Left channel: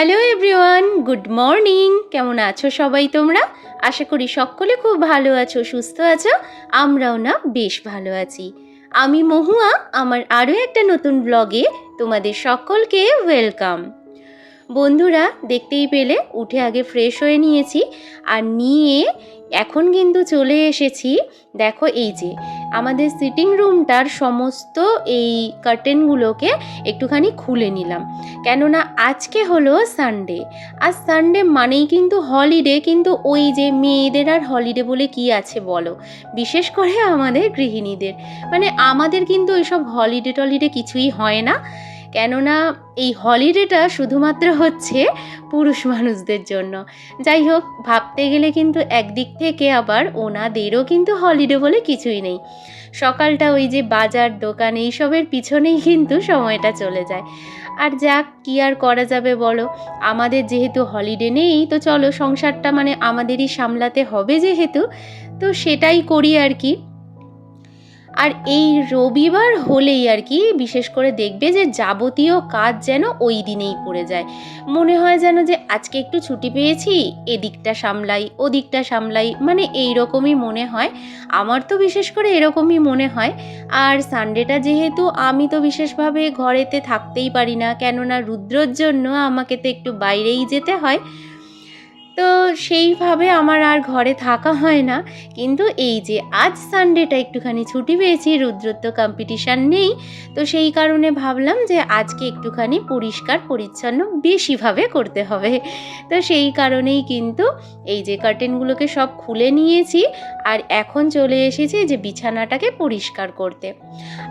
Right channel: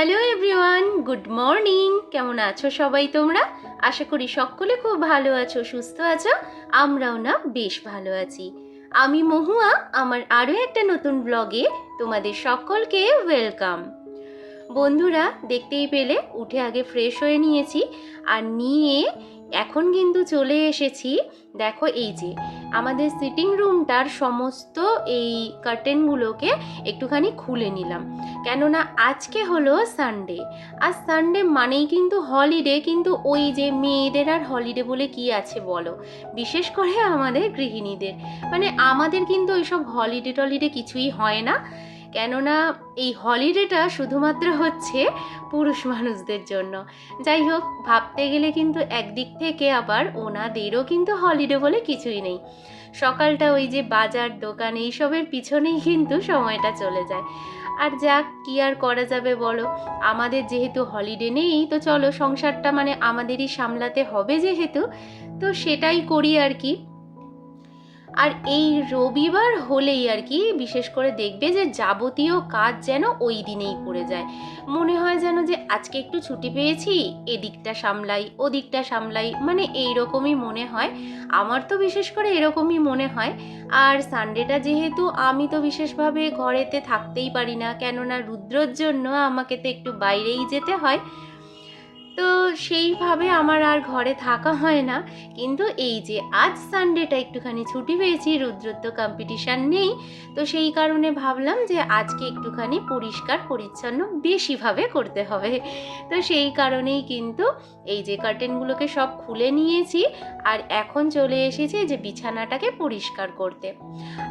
Hello everyone, good morning. কেমন আছো সবাই তোমরা? আশা করি সকলে খুব ভালো আছো, সুস্থ আছো। আমরাও না বেশ ভালো আছি। আমি মহুয়া, আমার আরও একটা নতুন ব্লগে তোমাদের সকলকে ওয়েলকাম। বন্ধুরা, দেখতেই পেলে উঠে আগে ফ্রেশ হয়ে নিয়েছি, আর নিয়ে এখন কিন্তু চলে এসেছি। দেখো, এই যে আমাদের সিটিং রুমটার সমস্ত এই কার্টেনগুলোকে একটুখানি খুলে নিলাম, কেননা আজকে হলো সানডে। আর সানডে মানেই কিন্তু হলিডে, কিন্তু ওই যে মেয়েদের আর হলিডে বলে কি আছে বলো, বিশেষ করে আমাদের গৃহিণীদের। মানে আমাদের কিন্তু ওইসব হলিডে টলিডে কিছুই হয় না, কেননা এই হলিডেটা শুধুমাত্র হচ্ছে পুরুষ মানুষদের জন্য। যাই হোক, ভাবতে গেলে কিন্তু একদিক থেকে আবার ওনাদেরও কিন্তু হলিডে বলে কিছুই নেই। সকালটা ওই যে বাজার দোকান এইসবের পিছনেই কিন্তু সময়টা চলে যায়। আর যাক, কি আর করা যাবে বলো, আমাদের যেহেতু হলিডে নেই, তো চলো সংসারটা মানে আমাদেরই সামলাতে হবে যেহেতু, তো সেটাই করি আর কি। আর এই রবিবার হলেই আর কি বিশেষ করে দেখবে যে যাবতীয় কাজ যেন ওই দিনেই পড়ে যায়। মনে হয় যেন যে আজকে একটু ছুটি পেয়েছি, এদিকটা সামলাই ওদিকটা সামলাই, মানে এই রকমই মনে হয়। আমার তো বিশেষ করে এরকমই মনে হয়। আর সানডেটা যেহেতু আমি তো বিশেষভাবে ঘরেতে থাকতেই পারি না, কেননা রুদ্রর জন্য আমাকে তো একটু বাইরেই যেতে হয়, তো সেইভাবে আমার আর ঘরে থাকা হয় না। কিন্তু এই যে আজ সানডেটা একটুখানি ছুটি পেয়েছি, রুদ্রর তো কম্পিটিশান নেই, তো সেই কারণে ভাবলাম যে আজকে একটুখানি পরিষ্কার পরিচ্ছন্ন বেশিভাবে করতে হবে। তো সেই কারণেই কিন্তু এই যে কার্টেনগুলোকে সব খুলে নিয়েছি, আর এখন চলে এসেছি যে বিছানাটাকে পরিষ্কার করতে।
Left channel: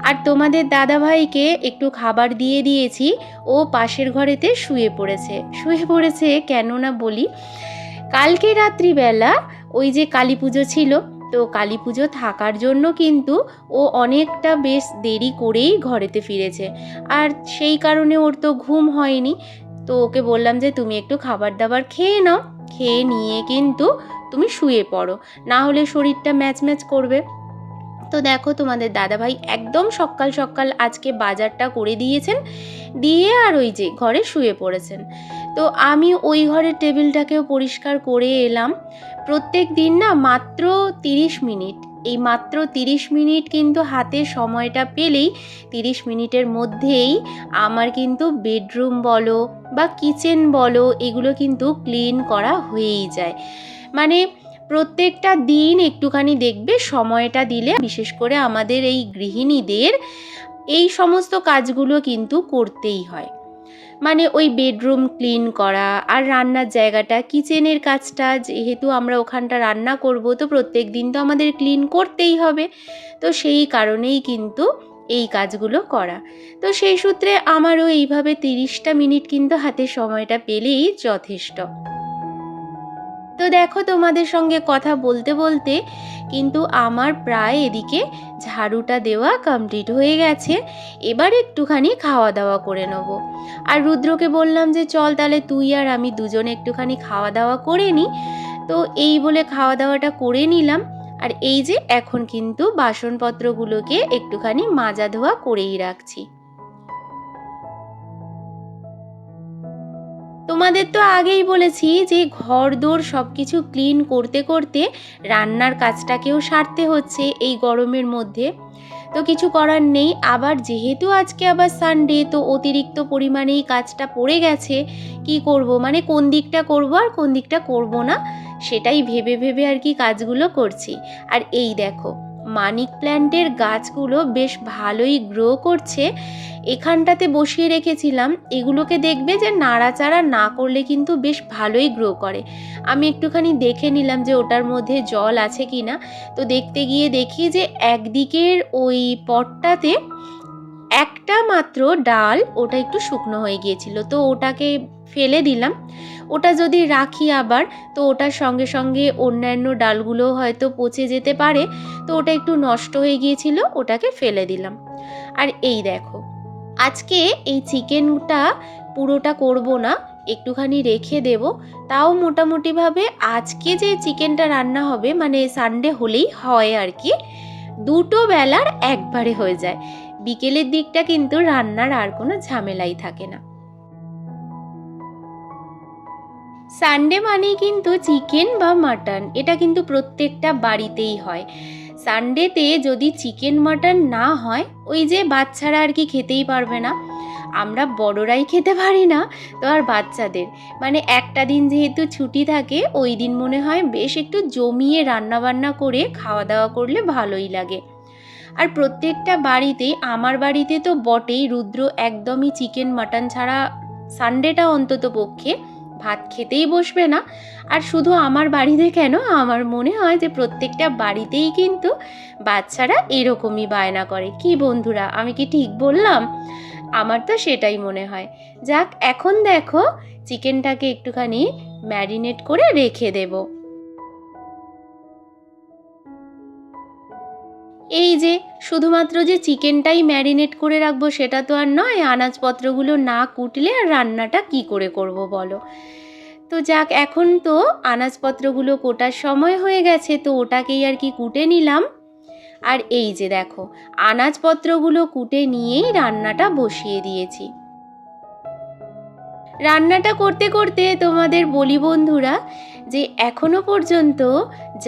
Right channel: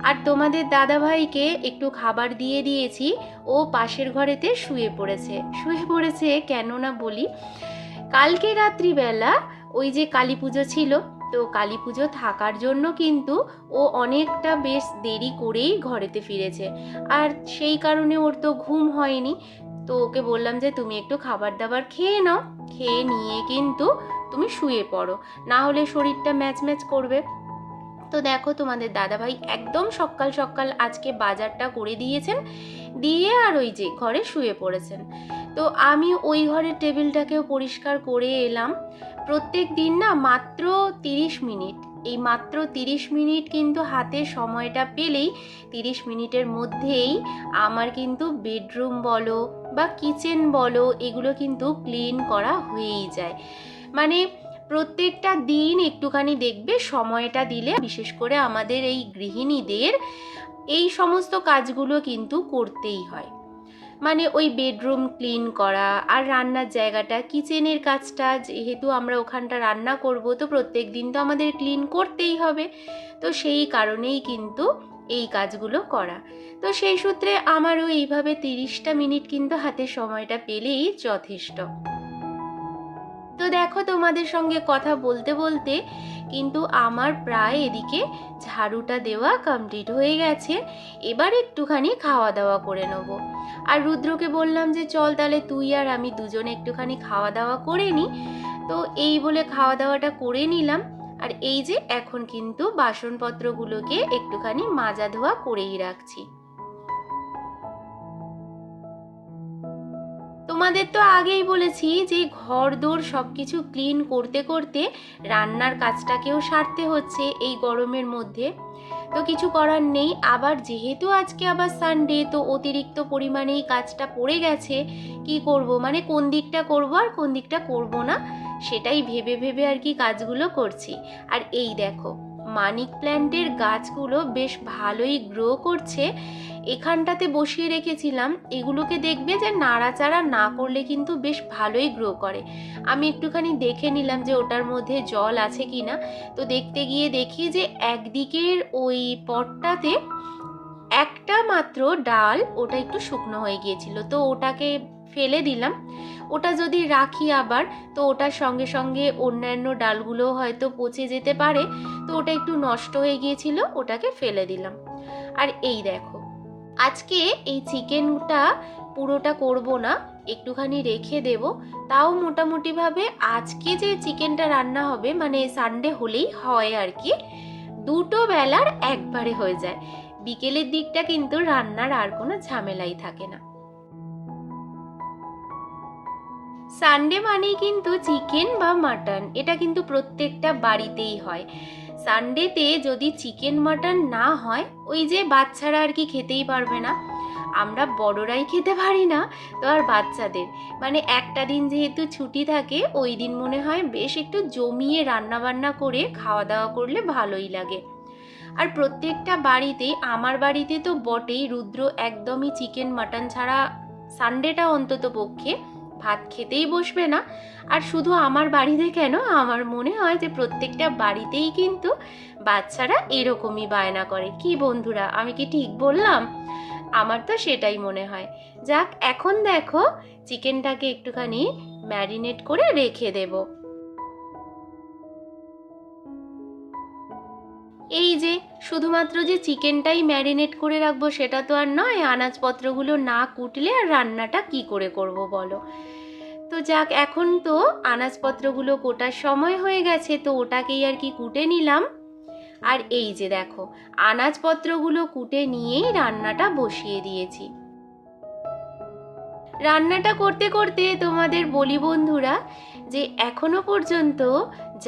আর তোমাদের দাদাভাইকে একটু খাবার দিয়ে দিয়েছি, ও পাশের ঘরেতে শুয়ে পড়েছে কেন না বলি, কালকে রাত্রিবেলা ওই যে কালী পুজো ছিল, তো কালী পুজো থাকার জন্য কিন্তু ও অনেকটা বেশ দেরি করেই ঘরেতে ফিরেছে। আর সেই কারণে ওর তো ঘুম হয়নি। তো ওকে বললাম যে তুমি একটু খাবার দাবার খেয়ে নাও, খেয়ে নিয়ে কিন্তু তুমি শুয়ে পড়ো, না হলে শরীরটা ম্যাচ ম্যাচ করবে। তো দেখো, তোমাদের দাদাভাই একদম সকাল সকাল আজকে বাজারটা করে দিয়েছেন, দিয়ে আর ওই যে ঘরে শুয়ে পড়েছেন। তো আমি ওই ঘরের টেবিলটাকেও পরিষ্কার করে এলাম। প্রত্যেক দিন না মাত্র 30 মিনিট, এই মাত্র 30 মিনিট কিন্তু হাতে সময়টা পেলেই 30 মিনিটের মধ্যেই আমার কিন্তু বেডরুম বলো বা কিচেন বলো, এগুলো কিন্তু ক্লিন করা হয়েই যায়। মানে প্রত্যেকটা দিন একটুখানি দেখবে সময়টা দিলে, বিশেষ করে আমাদের এই গৃহিণীদের এই সমস্ত কাজগুলো কিন্তু করতেই হয়। মানে ওই বেডরুম ক্লিন করা, আর রান্নার জায়গাটা, কিচেনের কাজটা, যেহেতু আমরা ওখানটা রান্না করব, তো প্রত্যেক দিন তো আমাদের ক্লিন করতেই হবে। তো সেই কারণেই কিন্তু এই কাজগুলো করা। তো সেই সূত্রে আমারও এইভাবে 30টা মিনিট কিন্তু হাতে সময়টা পেলেই যথেষ্ট। তো দেখো, তোমাদের সঙ্গে কথা বলতে বলতে কিন্তু আমার প্রায় এদিকে ঝাড়ুটা দেওয়া কমপ্লিট হয়ে গেছে। এবার একটুখানি খাওয়া দাওয়া করে নেবো। আর রুদ্রকে বললাম যে চল তাহলে তুই আর আমি দুজনে একটুখানি খাওয়া দাওয়া করে নিই। তো এই বলে খাওয়া দাওয়াটা করে নিলাম। আর এই যে এখন কিন্তু বাসনপত্রগুলোকে একটুখানি মাজা ধোয়া করেই রাখছি। তোমাদের তো আগেই বলেছি যে ঘরদোর সব কিছু ক্লিন করতে করতে রান্নার কাজটাকেও সারতে হচ্ছে এই গরমের মধ্যে। তো কিছু করার নেই, আবার যেহেতু আজকে আবার সানডে, তো অতিরিক্ত পরিমাণেই কাজটা পড়ে গেছে। কি করব, মানে কোন দিকটা করব আর কোন দিকটা করব না, সেটাই ভেবে ভেবে আর কি কাজগুলো করছি। আর এই দেখো, মানিক প্ল্যান্টের গাছগুলো বেশ ভালোই গ্রো করছে। এখানটাতে বসিয়ে রেখেছিলাম, এগুলোকে দেখবে যে নাড়াচাড়া না করলে কিন্তু বেশ ভালোই গ্রো করে। আমি একটুখানি দেখে নিলাম যে ওটার মধ্যে জল আছে কি না। তো দেখতে গিয়ে দেখি যে একদিকের ওই পটটাতে একটা মাত্র ডাল ওটা একটু শুকনো হয়ে গিয়েছিল, তো ওটাকে ফেলে দিলাম। ওটা যদি রাখি আবার, তো ওটার সঙ্গে সঙ্গে অন্যান্য ডালগুলো হয়তো পচে যেতে পারে, তো ওটা একটু নষ্ট হয়ে গিয়েছিল, ওটাকে ফেলে দিলাম। আর এই দেখো, আজকে এই চিকেনটা পুরোটা করব না, একটুখানি রেখে দেব। তাও মোটামুটিভাবে আজকে যে চিকেনটা রান্না হবে, মানে সানডে হলেই হয় আর কি, দুটো বেলার একবারে হয়ে যায়। বিকেলের দিকটা কিন্তু রান্নার আর কোনো ঝামেলাই থাকে না। সানডে মানেই কিন্তু চিকেন বা মাটন, এটা কিন্তু প্রত্যেকটা বাড়িতেই হয়। সানডেতে যদি চিকেন মাটন না হয়, ওই যে বাচ্চারা আর কি খেতেই পারবে না, আমরা বড়রাই খেতে পারি না, তো আর বাচ্চাদের মানে একটা দিন যেহেতু ছুটি থাকে, ওই দিন মনে হয় বেশ একটু জমিয়ে রান্না বান্না করে খাওয়া দাওয়া করলে ভালোই লাগে। আর প্রত্যেকটা বাড়িতেই, আমার বাড়িতে তো বটেই, রুদ্র একদমই চিকেন মাটন ছাড়া সানডেটা অন্তত পক্ষে ভাত খেতেই বসবে না। আর শুধু আমার বাড়িতে কেন, আমার মনে হয় যে প্রত্যেকটা বাড়িতেই কিন্তু বাচ্চারা এরকমই বায়না করে। কি বন্ধুরা, আমি কি ঠিক বললাম? আমার তো সেটাই মনে হয়। যাক, এখন দেখো চিকেনটাকে একটুখানি ম্যারিনেট করে রেখে দেবো। এই যে শুধুমাত্র যে চিকেনটাই ম্যারিনেট করে রাখবো সেটা তো আর নয়, আনাজপত্রগুলো না কুটলে আর রান্নাটা কি করে করব বলো। তো যাক, এখন তো আনাজপত্রগুলো কোটার সময় হয়ে গেছে, তো ওটাকেই আর কি কুটে নিলাম। আর এই যে দেখো, আনাজপত্রগুলো কুটে নিয়েই রান্নাটা বসিয়ে দিয়েছি। রান্নাটা করতে করতে তোমাদের বলি বন্ধুরা, যে এখনো পর্যন্ত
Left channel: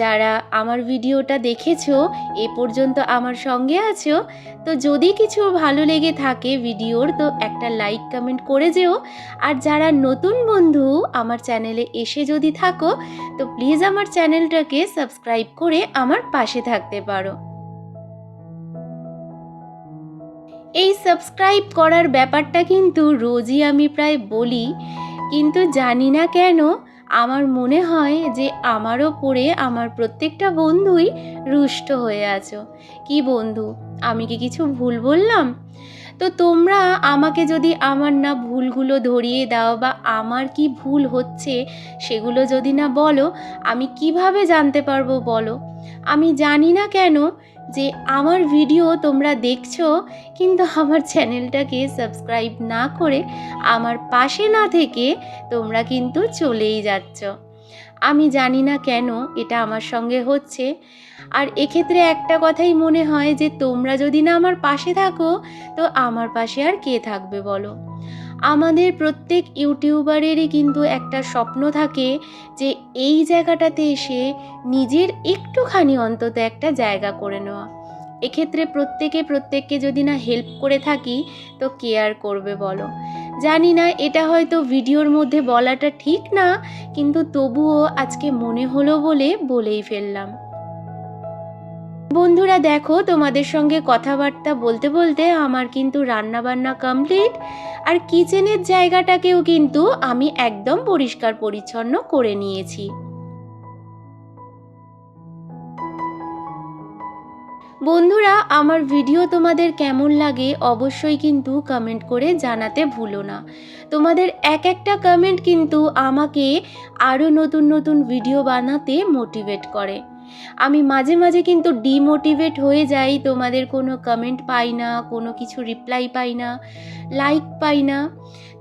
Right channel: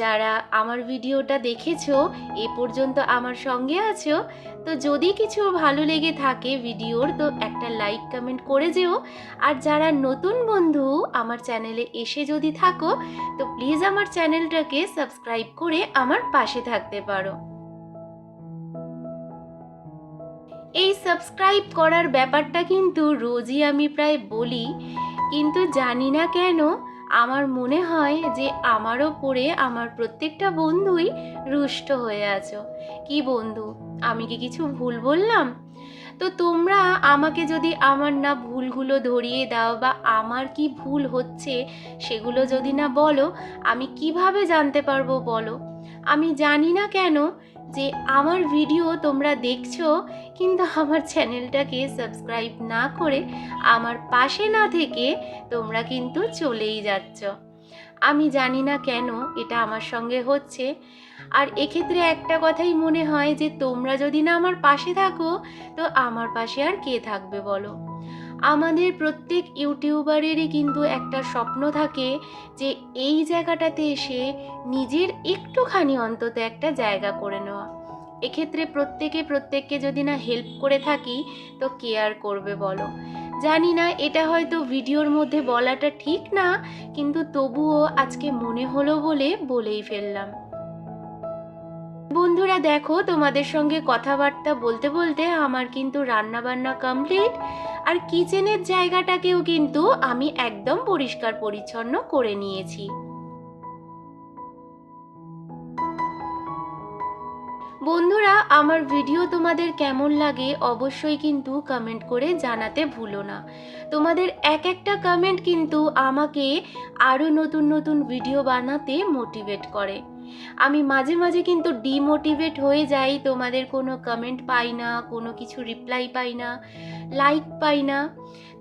যারা আমার ভিডিওটা দেখেছো, এ পর্যন্ত আমার সঙ্গে আছো, তো যদি কিছু ভালো লেগে থাকে ভিডিওর, তো একটা লাইক কমেন্ট করে যেও। আর যারা নতুন বন্ধু আমার চ্যানেলে এসে যদি থাকো, তো প্লিজ আমার চ্যানেলটাকে সাবস্ক্রাইব করে আমার পাশে থাকতে পারো। এই সাবস্ক্রাইব করার ব্যাপারটা কিন্তু রোজই আমি প্রায় বলি, কিন্তু জানি না কেন আমার মনে হয় যে আমার ওপরে আমার প্রত্যেকটা বন্ধুই রুষ্ট হয়ে আছো। কি বন্ধু, আমি কি কিছু ভুল বললাম? তো তোমরা আমাকে যদি আমার না ভুলগুলো ধরিয়ে দাও, বা আমার কি ভুল হচ্ছে সেগুলো যদি না বলো, আমি কিভাবে জানতে পারবো বলো? আমি জানি না কেন যে আমার ভিডিও তোমরা দেখছো, কিন্তু আমার চ্যানেলটাকে সাবস্ক্রাইব না করে, আমার পাশে না থেকে তোমরা কিন্তু চলেই যাচ্ছ। আমি জানি না কেন এটা আমার সঙ্গে হচ্ছে। আর এক্ষেত্রে একটা কথাই মনে হয় যে তোমরা যদি না আমার পাশে থাকো, তো আমার পাশে আর কে থাকবে বলো? আমাদের প্রত্যেক ইউটিউবারেরই কিন্তু একটা স্বপ্ন থাকে যে এই জায়গাটাতে এসে নিজের একটুখানি অন্তত একটা জায়গা করে নেওয়া। এক্ষেত্রে প্রত্যেকে প্রত্যেককে যদি না হেল্প করে থাকি, তো কে আর করবে বলো? জানি না, এটা হয়তো ভিডিওর মধ্যে বলাটা ঠিক না, কিন্তু তবুও আজকে মনে হলো বলে বলেই ফেললাম। বন্ধুরা দেখো, তোমাদের সঙ্গে কথাবার্তা বলতে বলতে আমার কিন্তু রান্না বান্না কমপ্লিট। আর কিচেনের জায়গাটাকেও কিন্তু আমি একদম পরিষ্কার পরিচ্ছন্ন করে নিয়েছি। বন্ধুরা, আমার ভিডিও তোমাদের কেমন লাগে অবশ্যই কিন্তু কমেন্ট করে জানাতে ভুলো না। তোমাদের এক একটা কমেন্ট কিন্তু আমাকে আরও নতুন নতুন ভিডিও বানাতে মোটিভেট করে। আমি মাঝে মাঝে কিন্তু ডিমোটিভেট হয়ে যাই, তোমাদের কোনো কমেন্ট পাই না, কোনো কিছু রিপ্লাই পাই না, লাইক পাই না।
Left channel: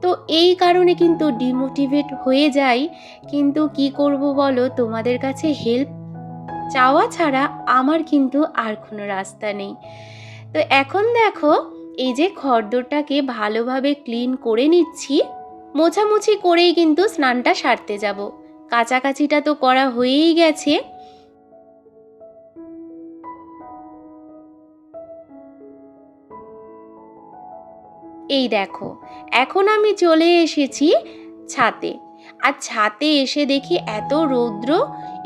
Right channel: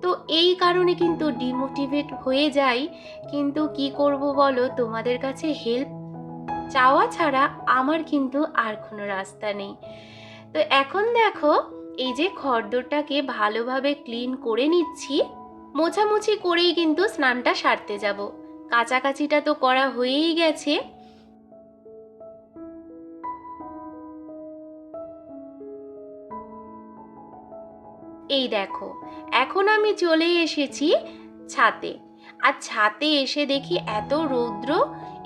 তো এই কারণে কিন্তু ডিমোটিভেট হয়ে যাই। কিন্তু কি করব বলো, তোমাদের কাছে হেল্প চাওয়া ছাড়া আমার কিন্তু আর কোনো রাস্তা নেই। তো এখন দেখো, এই যে খড়দরটাকে ভালোভাবে ক্লিন করে নিচ্ছি। মোছামুছি করেই কিন্তু স্নানটা সারতে যাব। কাচাকাচিটা তো করা হয়েই গেছে। এই দেখো, এখন আমি চলে এসেছি ছাদে। আর ছাদে এসে দেখি এত রৌদ্র,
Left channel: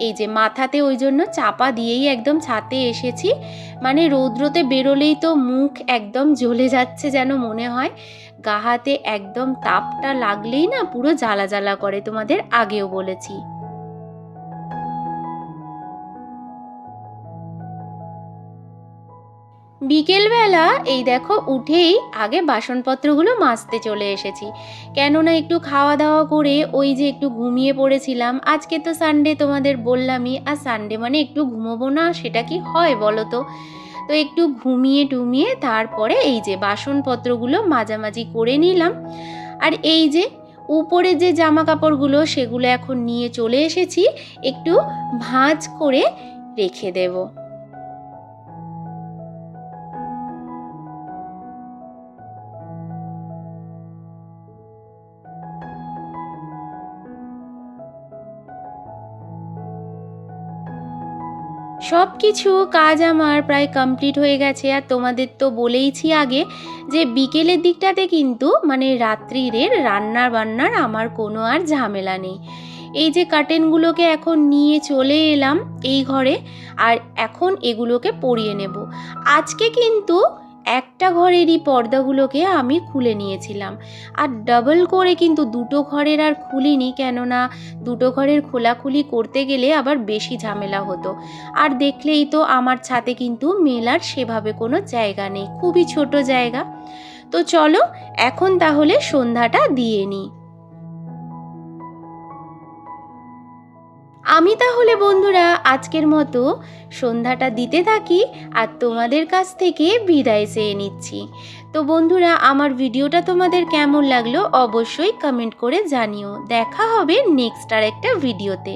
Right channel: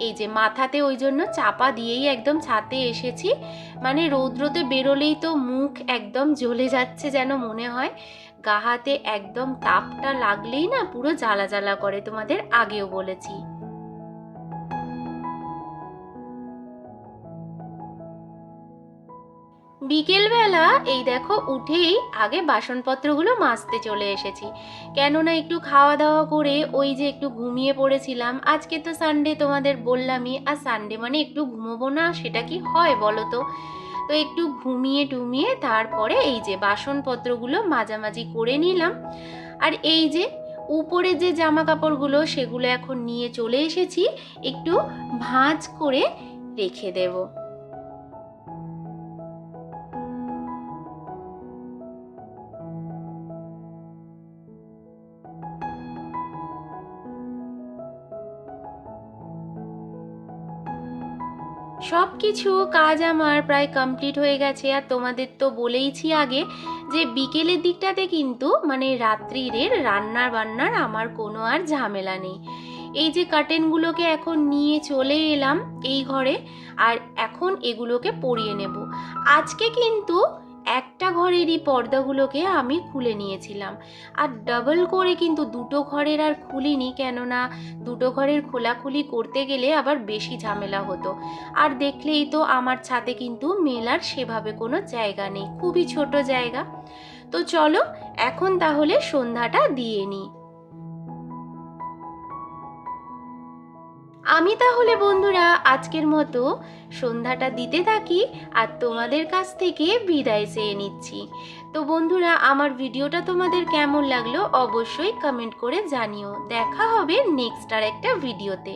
এই যে মাথাতে ওই জন্য চাপা দিয়েই একদম ছাদে এসেছি। মানে রৌদ্রতে বেরোলেই তো মুখ একদম জ্বলে যাচ্ছে, যেন মনে হয় গা হাতে একদম তাপটা লাগলেই না পুরো জ্বালা জ্বালা করে, তোমাদের আগেও বলেছি। বিকেলবেলা এই দেখো উঠেই আগে বাসনপত্রগুলো মাজতে চলে এসেছি, কেননা একটু খাওয়া দাওয়া করে ওই যে একটু ঘুমিয়ে পড়েছিলাম। আজকে তো সানডে, তোমাদের বললামই, আর সানডে মানে একটু ঘুমোবো না সেটা কি হয় বলো তো? তো একটু ঘুমিয়ে টুমিয়ে তারপরে এই যে বাসনপত্রগুলো মাজামাজি করে নিলাম। আর এই যে উপরে যে জামা কাপড়গুলো সেগুলো এখন নিয়ে চলে এসেছি, একটু ভাঁজ করে রেখে দেবো। সব কিছু কাজ আমার প্রায় কমপ্লিট হয়ে গেছে। আর তোমাদের তো বলেইছি আগে যে বিকেলের দিকটাতে কিন্তু মানে রাত্রির রান্নার বান্নার আমার কোনো আর ঝামেলা নেই। এই যে কার্টেনগুলোকে এখন নিয়ে চলে এলাম এই ঘরে, আর এখন এগুলোকে পরিয়ে নেব। আজকে কিন্তু একটা ঘরেরই পর্দাগুলোকে আমি খুলে নিয়েছিলাম, আর ডাবল করে কিন্তু দুটো ঘরের আর খুলিনি, কেননা দুটো ঘরের খোলাখুলি করতে গেলে আবার বেশি ঝামেলা হতো। আর দেখলেই তো আমার ছাদে কিন্তু মেলার সেভাবে কোনো জায়গা নেই, খুবই ছোট জায়গা। তো চলো এখন তাহলে সন্ধ্যাটা দিয়ে নিই। আমি তাহলে বন্ধুরা আজকের মতো সন্ধ্যাটা দিতে থাকি আর তোমাদের কাছ থেকে বিদায় চেয়ে নিচ্ছি। তো বন্ধুরা, আমার ভিডিওটা তোমাদের কেমন লাগলো অবশ্যই কমেন্ট করে জানিও। দেখা হবে নেক্সট আর একটা ভিডিওতে।